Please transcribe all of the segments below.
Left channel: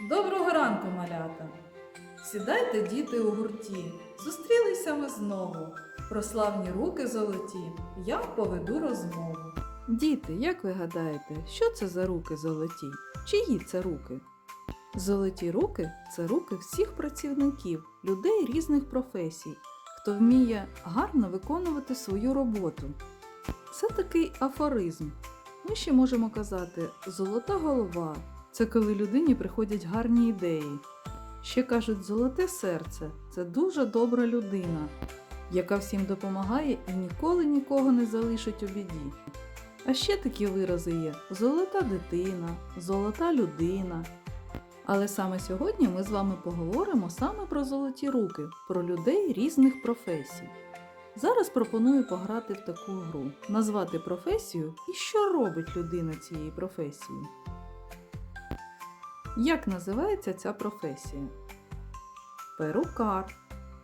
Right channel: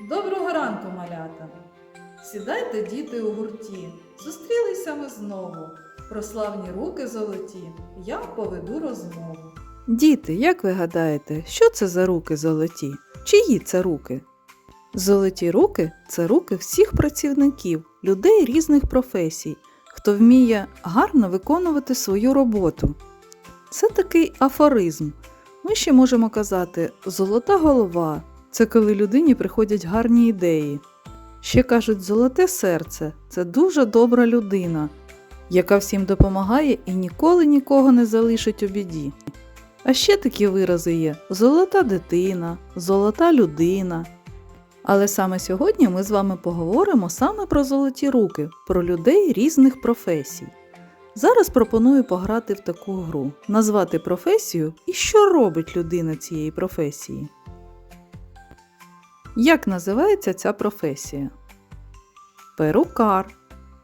Доброго ранку, малята! Сідайте, діти, у гурті. Зустрілися ми знову. Про славні руки золоті я поведу розмову. Діти, як ви гадаєте, що це за руки золоті? Чиї це руки? Золоті руки це руки всіх працівників, людей різних професій, хто вміє гарно виконувати свою роботу. Це такий афоризм. Ми ще можемо казати золота голова це коли людині приходять гарні ідеї. Ще кажуть, золоте серце це дуже добра людина, яка всім допомагає і ніколи нікого не залишить у біді. А ще такі вирази є: золота дитина, золота людина. Але саме сьогодні ми з вами поговоримо саме про золоті руки, про людей різних професій. Зараз пропоную пограти в таку гру, назвати професію і що робить людина цієї професії. Як називається ця професія? Перукар.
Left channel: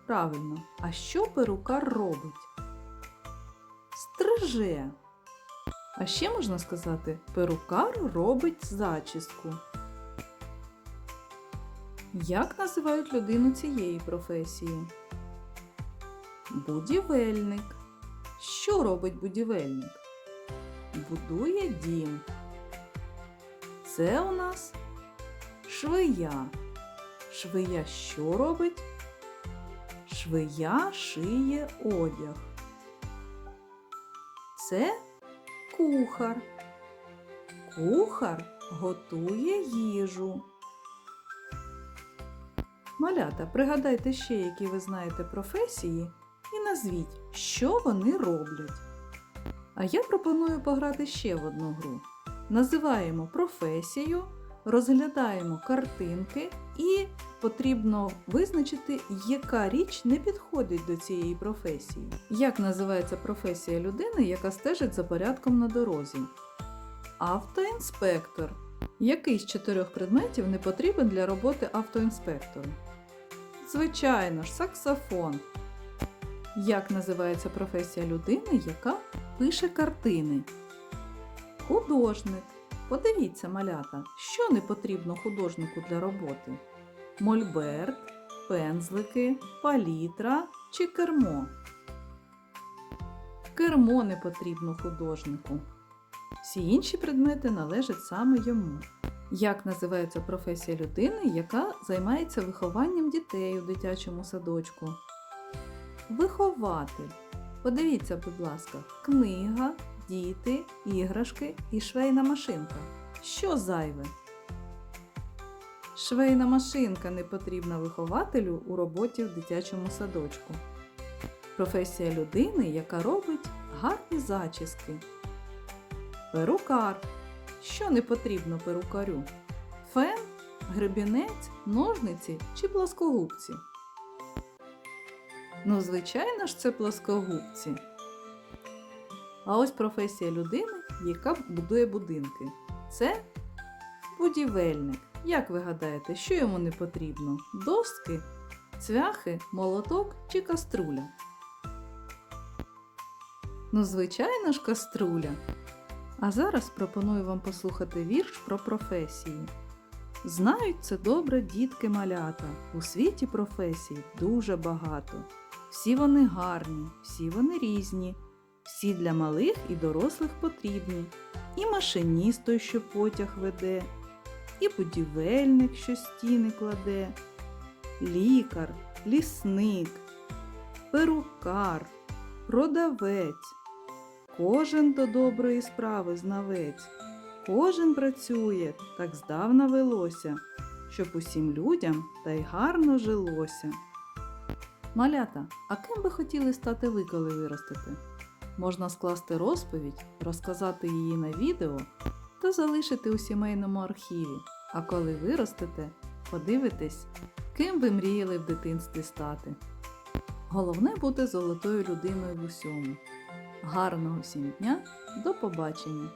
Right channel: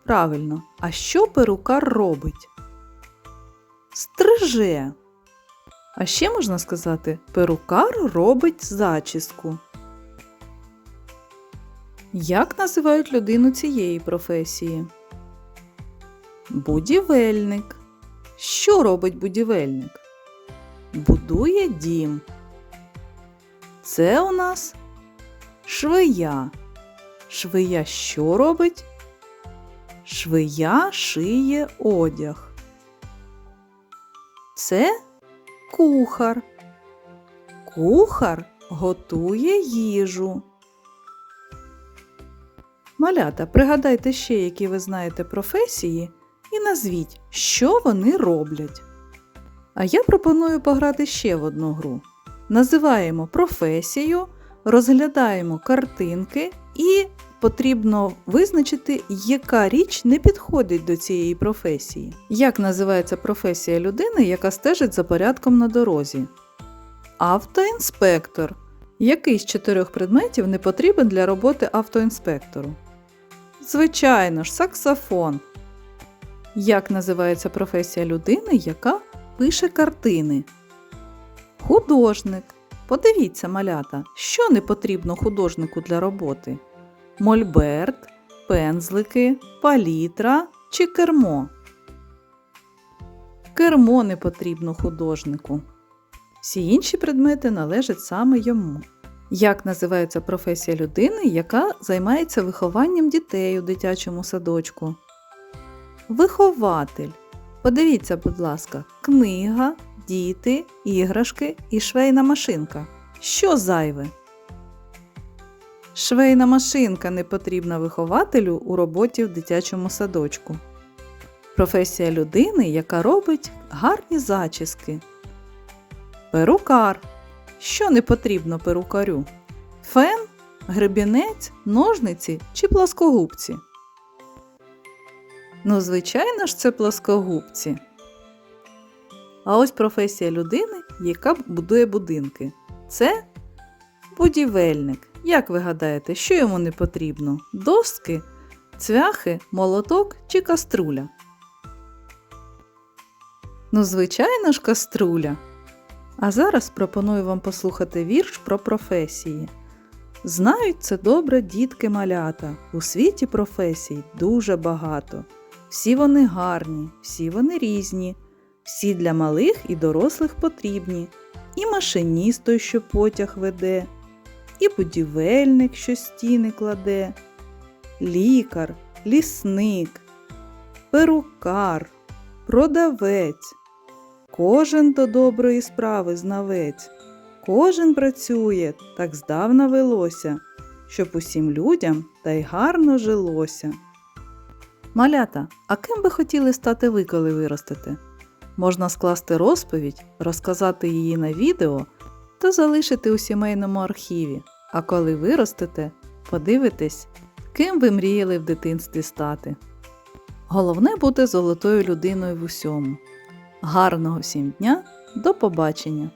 Правильно. А що перукар робить? Стриже. А ще можна сказати, перукар робить зачіску. Як називають людину цієї професії? Будівельник. Що робить будівельник? Будує дім. Це у нас швея. Швея що робить? Швея шиє одяг. Це кухар. Кухар готує їжу. Малята, пригадайте ще, які ви знаєте професії, і назвіть, що вони роблять. А я пропоную пограти ще в одну гру. Називаємо професію, розглядаємо картинки і потрібно визначити, яка річ не підходить до цієї професії. Як називається професія людини, яка стежить за порядком на дорозі? Автоінспектор. Який з чотирьох предметів не потрібен для роботи автоінспектору? Звичайно ж, саксофон. Як називається професія людини, яка пише картини? Художник. Подивіться, малята, що не потрібно художнику для роботи: мольберт, пензлики, палітра чи кермо. Кермо не потрібно художнику. Всі інші предмети належать саме йому. Як називається професія людини, яка займається вихованням дітей у дитячому садочку? Вихователь. Подивіться, будь ласка, книга, діти, іграшки і швейна машинка. Що зайве? Швейна машинка не потрібна вихователю у роботі в дитячому садочку. Професія людини, яка робить гарні зачіски. Перукар. Що не потрібно перукарю? Фен, гребінець, ножниці чи плоскогубці? Ну, звичайно ж, це плоскогубці. А ось професія людини, яка будує будинки. Це будівельник. Як ви гадаєте, що йому не потрібно? Доски, цвяхи, молоток чи каструля? Ну, звичайно ж, каструля. А зараз пропоную вам послухати вірш про професії. Знають це добре дітки малята. У світі професій дуже багато. Всі вони гарні, всі вони різні, всі для малих і дорослих потрібні. І машиніст той, що потяг веде, і будівельник, що стіни кладе, лікар, лісник, перукар, продавець. Кожен до доброї справи знавець, кожен працює, так здавна велося, щоб усім людям та й гарно жилося. Малята, а ким би хотіли стати ви, коли виростете? Можна скласти розповідь, розказати її на відео та залишити у сімейному архіві. А коли виростете, подивитесь, ким ви мріяли в дитинстві стати. Головне бути золотою людиною в усьому. Гарного всім дня, до побачення!